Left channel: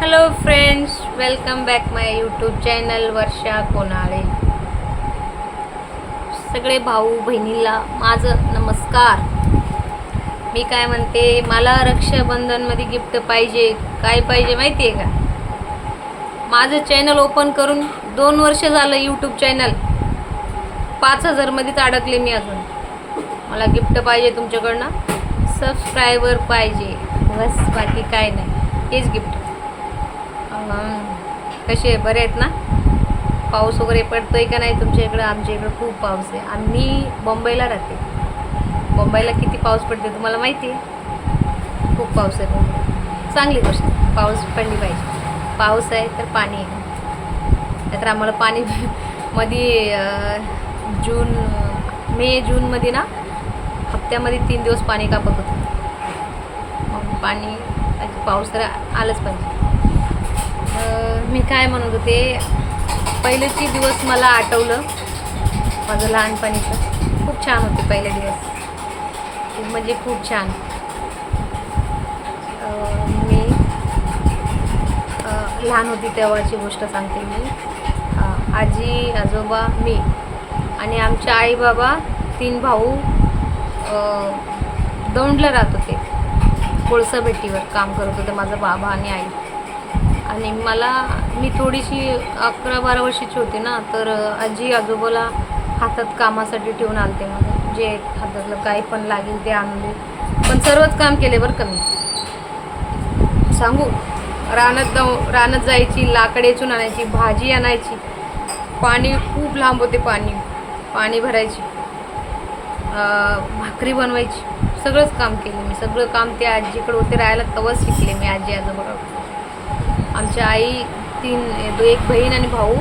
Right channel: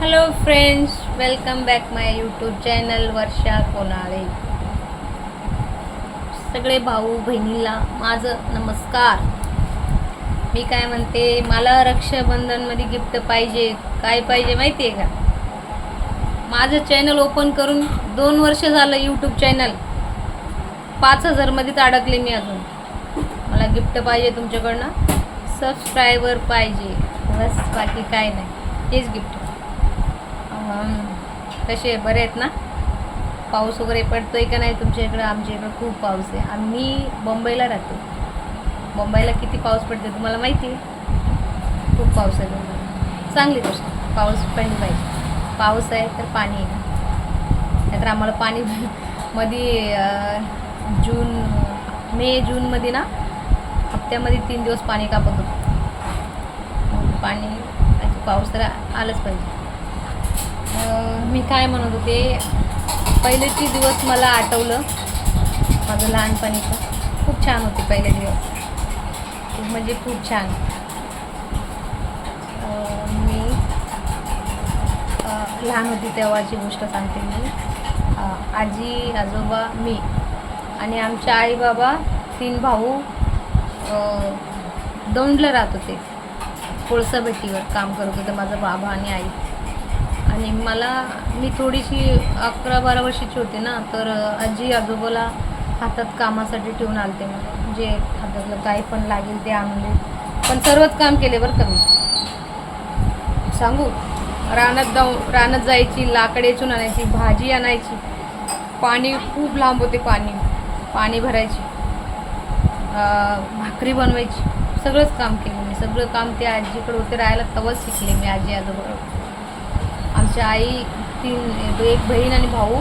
Hello friends welcome back my YouTube channel Varsha Konale सगळे भाऊ बहिणीला माझं नमस्कार. मी काय म्हणते मला रक्षाबंधनमध्ये गिफ्ट पाहिजे. काय पाहिजे माहिती आहे का? माझं चॅनल ओपन करून दोन वर्ष झालं यूट्यूब चॅनल पाच हजारमध्येच अडकले मी अजून. मला गिफ्ट पाहिजे तुमच्याकडनं. सबस्क्रायबर पाहिजे. बस बाकी काय नाही. हेच गिफ्ट कसे बरे आहेत ना? पाऊस वगैरे पडतो आहे का नाही तुमच्या इकडं? आमच्या इकडं खूप पाऊस आहे. आम्ही मुंबईला राहते. मुंबईला किती पाऊस पडते तुम्हाला माहिती आहे? खूप पाऊस आहे चांगली गोष्ट पाऊस पडली पाहिजे. पाऊस आहे तर पाणी आहे. नाहीतर आम्हाला पाणी मध्ये जून मे जूनमध्ये ना हप्त्यामध्ये तीन दिवस पाणी कापत होतं. मग पाणी पाऊस तर आलंच पाहिजे. मी काय म्हणत होते पहिलेचे दिवस मला आठवलं माझं लहानपणीचं. खूप छान होते पहिले दिवस. खूप म्हणजे खूप छान. मी लहान होती तेव्हाची गोष्ट सांगते मी. आजी आजोबा मी आणि आमचे आई बाबा तीन भाऊ दौंडला राहत होते. कोळसा भेटीवर काम करत होते माझा बाबा आणि आई. आणि मला मी थोडीशी अकरा बारा वर्षाची होती ना तर आजी आजोबाला हातात कामासाठी ठेवून आणते मला. जे हातातलं काही पण लागेल ते आणून पण सर्वच काम केले बरं का मी. सांगू? रानात जाऊ रानात जायची लाकड वेचून आणायची भाजी आणायची. पाणी खूप लांब होते पाणी. पाणी भरायची. भाकरी बनवायची. सगळंच काम केलं मी. सगळं काम ते आजीकडे होते राहायला तेव्हाच शिकले मी आजी आजोबा आमच्या आई तीन एक बहीण आणि भाऊ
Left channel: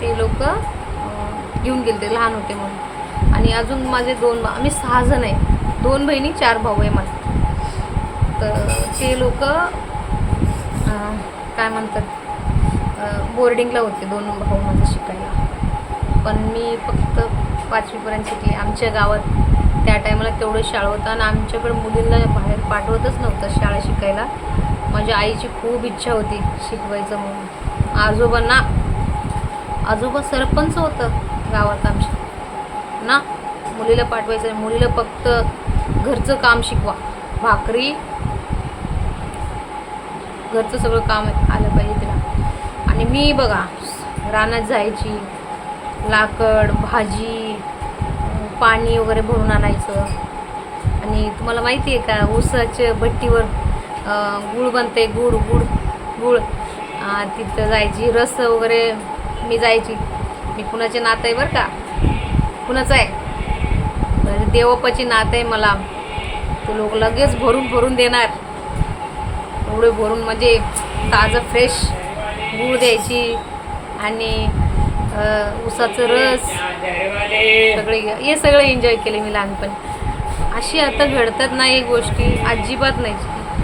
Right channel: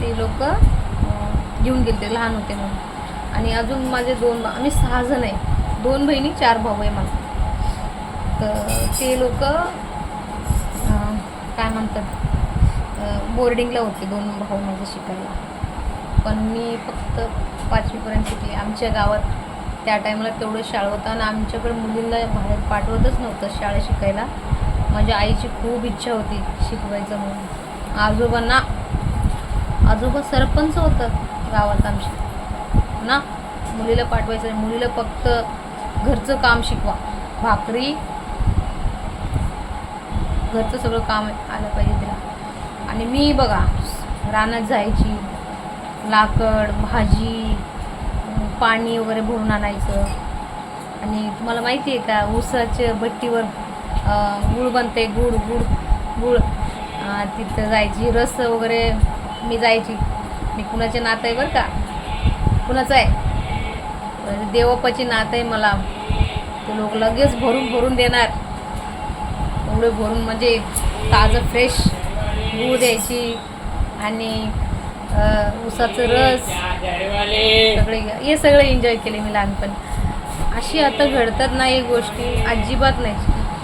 ते लोक घेऊन गेले लहान होते म्हणून. आणि अजून माझे दोन आम्ही सहा जण आहे. दोन बहिणी चार भाऊ आहे मला तर ते लोक काय म्हणतात बोर्डिंगला होते दोन भाऊ माझे शिकायला. पण मी फक्त पाचवीपर्यंत शिकले. आमच्या गावात त्या टायमाला तेवढं शाळा होतं आणि आमच्याकडे मुलींना बाहेर पाठवतच नव्हतं शाळा शिकायला. माझ्या आईची खूप इच्छा होती शिकवायचं म्हणून. आजोबांना आजोबा सरपंच होतं गावात आमच्या ना मुलीला पाठवायचं मुलीला फक्त घरचं काम शिकवा. भाकरी घरचं सगळं काम आलं पाहिजे तिला. आणि मी बघा रानात जायची लाकड भाजी पाणी वगैरे भरून आणायचं. आणि तुम्हाला माहिती आहे का ऊसाच्या भट्टीवर गुळ बनते गुळ गुळ गुळ. तिथं जायची रस वगैरे मी जायची. मी कुणाचे नातं आहे बरं का? कुणाचं आहे? बरं, नात नातं आहे मला. ते लोक लगेच भरून भरून देणार. एवढे भरून म्हणजे ताजं फ्रेश गूळ द्यायची आणि उसाचं ऊसाचं रस. सगळे हे सगळं एन्जॉय केले मी लहानपणी. अशी आता घडतात ना गोष्टी. अजिबात नाही.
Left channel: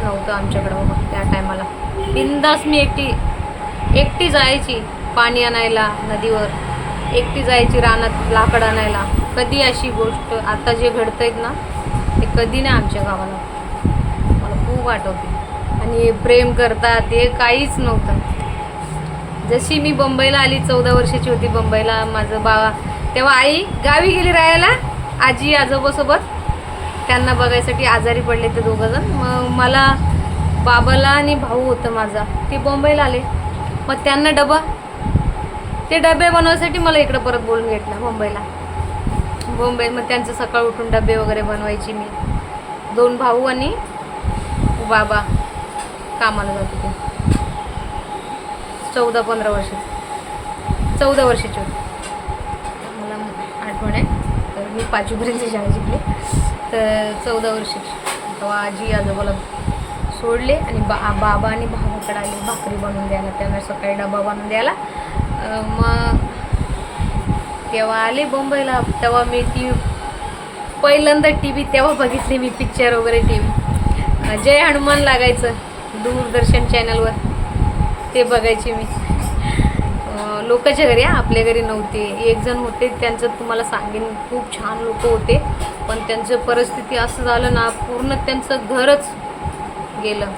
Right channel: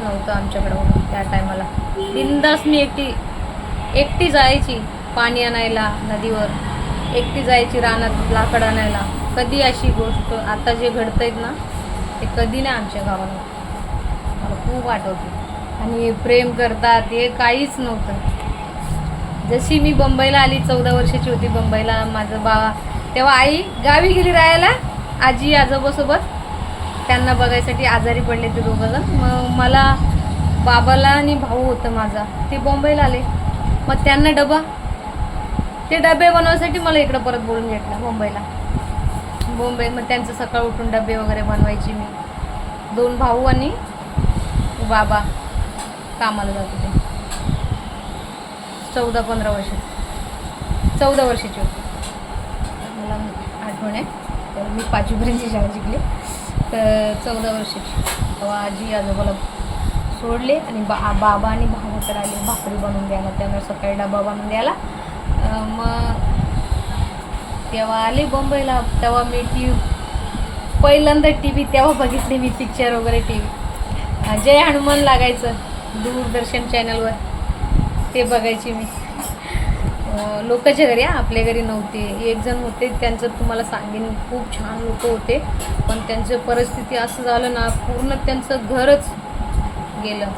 नव्हतं आमच्याकडं बाबा त्या टायमाला. बिंदास मी एकटी एकटी जायची पाणी आणायला नदीवर एकटी जायची रानात लाकड आणायला. कधी अशी गोष्ट आता जे घडतायत ना ते कधी नाही आमच्या गावाला. मला खूप आठवते. आणि प्रेम करतात हे काहीच नव्हतं. जशी मी बंबईला आली चौदा वर्षाची होती बंबईला माझं बाबा तेव्हा आई गावी गेली राहायला आजी आजोबासोबत. त्यांना बघायसाठी आजारी पडले ते दोघंजण. मग मला बाबाला आणि भाऊ होतं माझा. ते बॉम्बेला आले. मग त्यांना डबा. ते डबे बनवायसाठी मला इकडं परत बोलून घेतलं मुंबईला मुंबई मग त्यांचं सकाळ उठून डबे वगैरे बनवायची मी. दोन भाऊ आणि बाबा कामाला जात होते. चौदा पंधरा वर्षाची चौदा वर्षाची होती. मला आठवण आहे. तर मी पाचवीपर्यंत शाळा शिकले तर चौदा वर्षे. तेव्हा आजी आजोबाला सोडले आणि बा बाबा आणि भावाकडे आले भाकरी बनवून द्यायला. त्यांना सकाळी डबा बनवून द्यायला. मग तेव्हा आले मुंबईला तेव्हा मी टी पहिल्यांदा टी व्ही तेव्हा बघितली मी पिक्चर वगैरे टी व्ही जय हनुमान लागायचं. दूरदर्शन चॅनलवर ते बघायची मी. लोकांच्या घरी आपल्या घरी नव्हते. एक जण होते त्यांचं तुम्हाला सांगेन खूप छान लोक होते. पण त्यांचं परिस्थिती असं झालं ना पूर्ण त्यांचं घरच गेलं.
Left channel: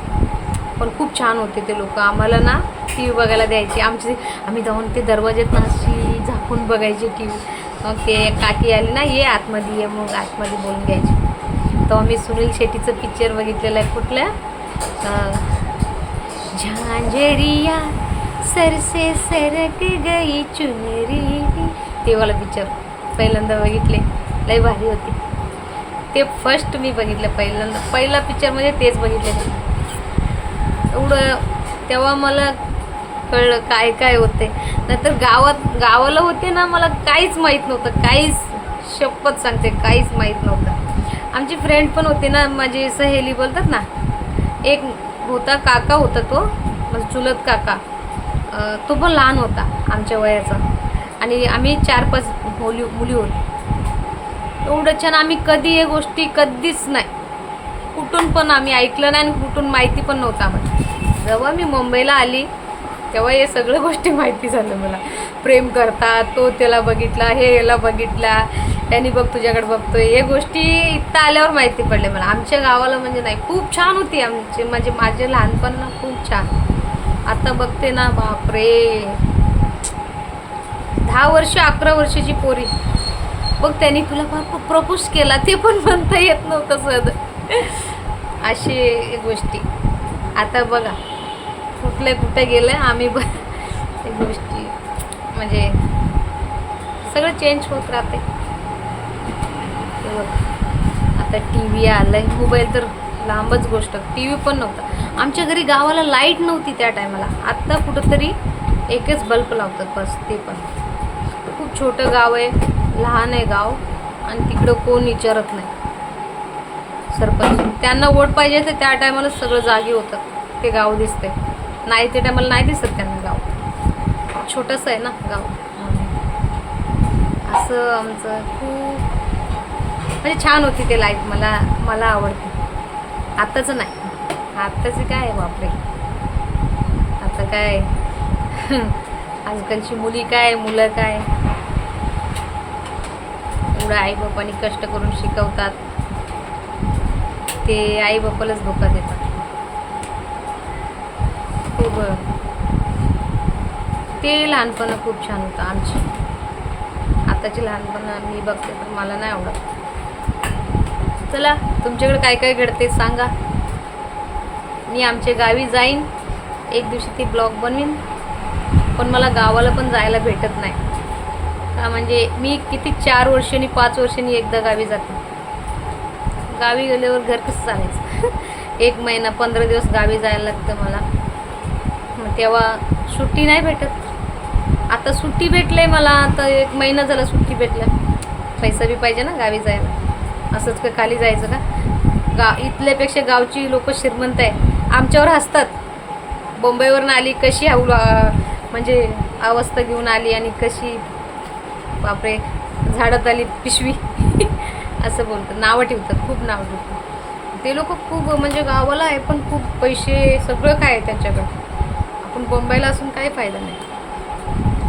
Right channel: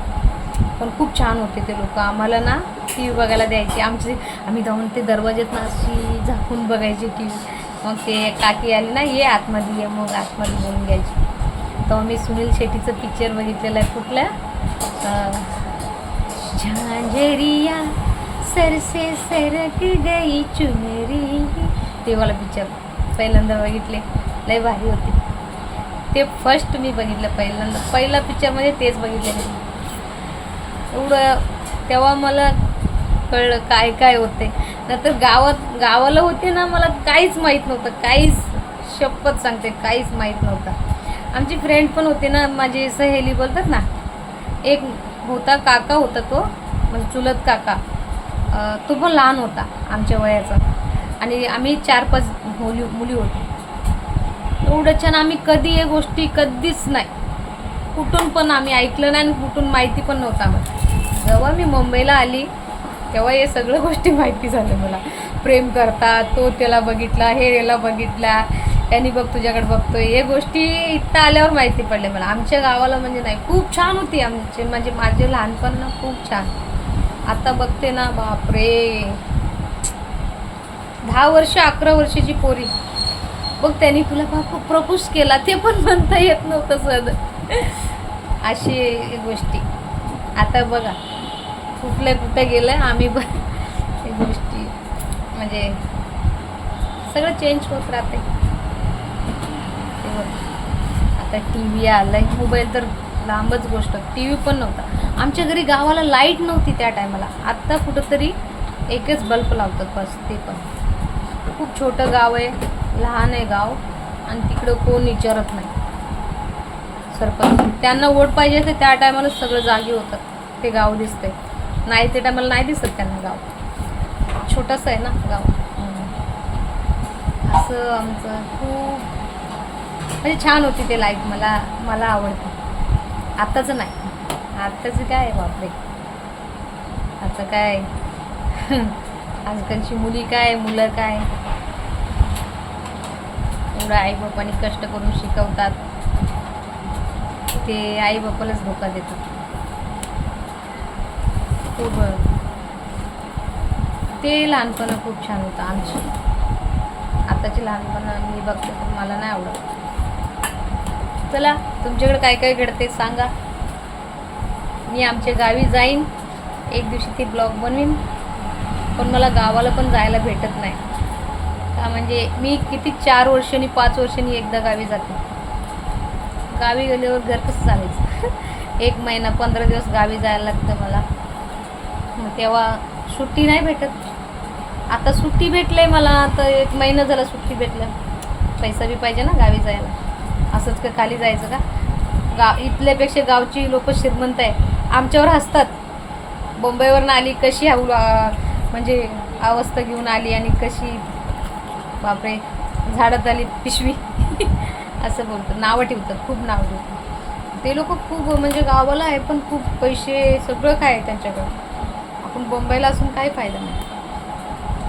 पण खूप छान होते ते लोक. आम्हाला ना टी व्ही बघायला द्यायची. आमची आम्ही जाऊन ते दरवाज्यात ना अशी झाकून बघायची टी व्ही मग ते काकी आली ना ये आतमध्ये ये मग आतमध्ये बोलून घ्यायची. तेव्हा मी सुनील शेट्टीचं पिक्चर बघितलेलं आहे कुठलं? झांझेरिया. सर से सरक गई चुनरी। ते वाला पिक्चर पहिल्यांदा बघितले. लय भारी होते. ते फर्स्ट मी बघितलं पहिल्यांदा. पहिला पिक्चर म्हणजे तेच बघितले मी. एवढं तेव्हा मला कळलं काय काय होते नंतर गावात गावाला होते ना मला काहीच माहीत नव्हतं. काहीच शपथ सांगते काहीच माहीत नव्हतं. आमची फ्रेंड पण होती ना माझी सहेली बोलतात ना एक होता काका होता तो म्हणजे चुलत काका. तो पण लहान होता आमच्या वयाचा. आणि आम्ही चार पाच मुली मुली होतो. एवढं छान आम्ही कधी या गोष्टी कधीच नाही. कुठून पण आम्ही ऐकलं नाही आणि कुठून माहिती पण नव्हतं आम्हाला. जेव्हा मी मुंबईला आली तेव्हा हे सगळ्या गोष्टी माहिती झाल्या मला. प्रेम करतात तो त्याला बघितला हे याला बघितला त्यांनी बघ तुझ्याकडे बघतो हे गोष्टी इथं आल्यावर माहिती पडले मला. आमच्या गावाला म्हणजे नाही खूप छान होती आमची. म्हणजे माझे लहानपण ना खूप छान. आता बघते ना बापरे. दहा वर्ष अकरा वर्षाची पोरी. बघ त्यांनी तुला बाप प्रपोज केला ते पण म्हणता येत नव्हतं सद अशी गोष्टी. आता बघा कुठल्या कुठे गेलं आम्ही ब गोष्टी. म्हणजे सगळं चेंज होत राहते बघ. आता टी व्ही आलं आहे मोबाईल तर लांबच गोष्ट. टी व्ही पण नव्हता. आमच्या घरी गावाला लाइट नव्हती त्या टायमाला आत्ता कुठंतरी एकच बल्ब लावतात बस ते पण. खूप छोटं गाव आहे लहान आहे गाव आणि तिकडं कोण विचारत नाही. सरपंच त्यांना वोट पाहिजे तर त्या टायमाला सगळं जागी होतं. ते गाव दिसते नाही ते टायमाला नाही दिसत त्यांना गाव. छोटंसं आहे ना गाव म्हणून. असं आमचं खूप म्हणजे छान होती ते लाईफ मला मला आवडते. आत्ताचं नाही. आत्ताचं काय आहे बापरे? आता काय? आजकालची मुली काय मुलं काय? एवढं आई बापाने कष्ट करून शिकवतात. ते आई बापालाच धोका देतात. हो खूप ते लहानपण खूप छान होतं आमची. आताची लहानपण मी बघते तर मला नाही आवडत. चला तुमच्याकडे काय काय घडते सांगा. मी आमच्या गावी जाईन. एक दिवशी ती ब्लॉग बनवीन. पण मला गावाला पण जायला भेटत नाही. का म्हणजे मी किती चार वर्षांनी पाच वर्षांनी एकदा गावी जाते. गावी गेल्यावर घर कसं चालायचं? एक महिना पंधरा दिवस गावी जायला लागतं मला. मग तेव्हा सुट्टी नाही भेटत. आता सुट्टी भेटले मला. तर एक महिना झाला सुट्टी भेटलं पैसा बी पाहिजे ना गावी जायला. असंच का खाली जायचं का? गा इथल्यापेक्षा गावची लोक श्रीमंत आहे आमच्यावर हसतात. बोंबईवरून आली कशी हाऊ म्हणजे अवस्था घेऊन आली आणि कशी बापरे झाडात आली पिशवी. असं बोलतात. नावं ठेवतात. खूप नावं ठेवतात. ते लोक खूप म्हणजे गावाला आहे पण खूप पैसे सगळं काय आहे त्यांच्याकडे. आपण बोंबईला असून काही फायदा नाही.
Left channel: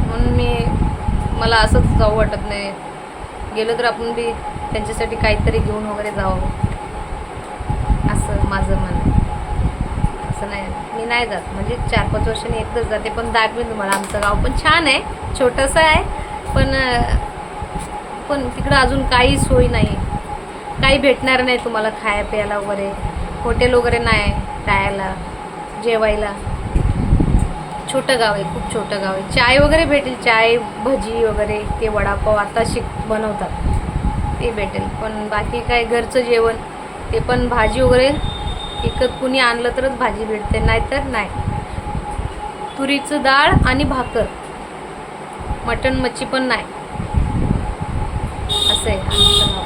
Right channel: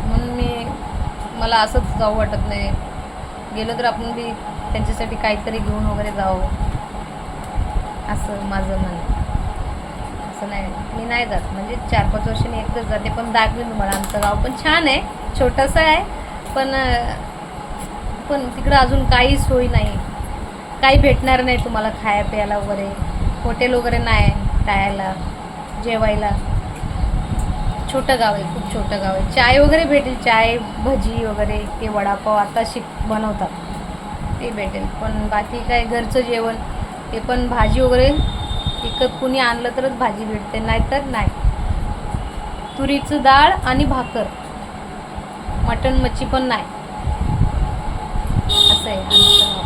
म्हणून मी मला असंच जाऊ वाटत नाही. गेलं तर आपण बी त्यांच्यासाठी काहीतरी घेऊन वगैरे जावं. असं माझं म्हणणं आहे. असं नाही. मी नाही जात. म्हणजे चार पाच वर्षांनी एकदाच जाते. पण दाखवीन तुम्हाला. आमचं गाव पण छान आहे. छोटंसं आहे. पण पण तिकडं अजून काही सोयी नाही. काही भेटणार नाही तुम्हाला खाया प्यायला वगैरे. हॉटेल वगैरे नाही खायला जेवायला. छोटं गाव आहे. खूप छोटं गाव आहे. चाय वगैरे भेटेल. चाय भजी वगैरे ते वडापाव आता शिक बनवतात. ते भेटेल. पण बाकी काय घरचं जेवण ते पण भाजी वगैरे विकत कुणी आणलं तरच भाजी भेटते नाहीतर नाही. तुरीचं डाळ आणि भाकर. मटण मच्छी पण नाही. असं आहे आमचं गाव.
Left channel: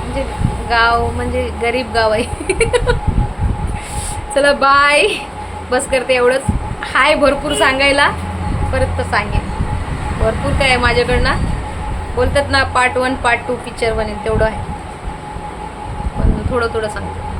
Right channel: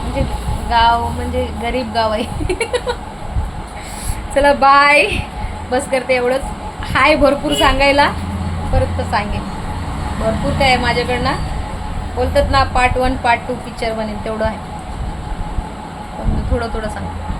म्हणजे गाव म्हणजे गरीब गाव आहे. चला बाय बस करते एवढंच. हाय भरपूर सांगायला. परत तर सांगेन. भरपूर काय आहे माझ्याकडनं. बोलतात ना part one part two picture बनेल तेवढं आहे. पण थोडं थोडं सांगतो.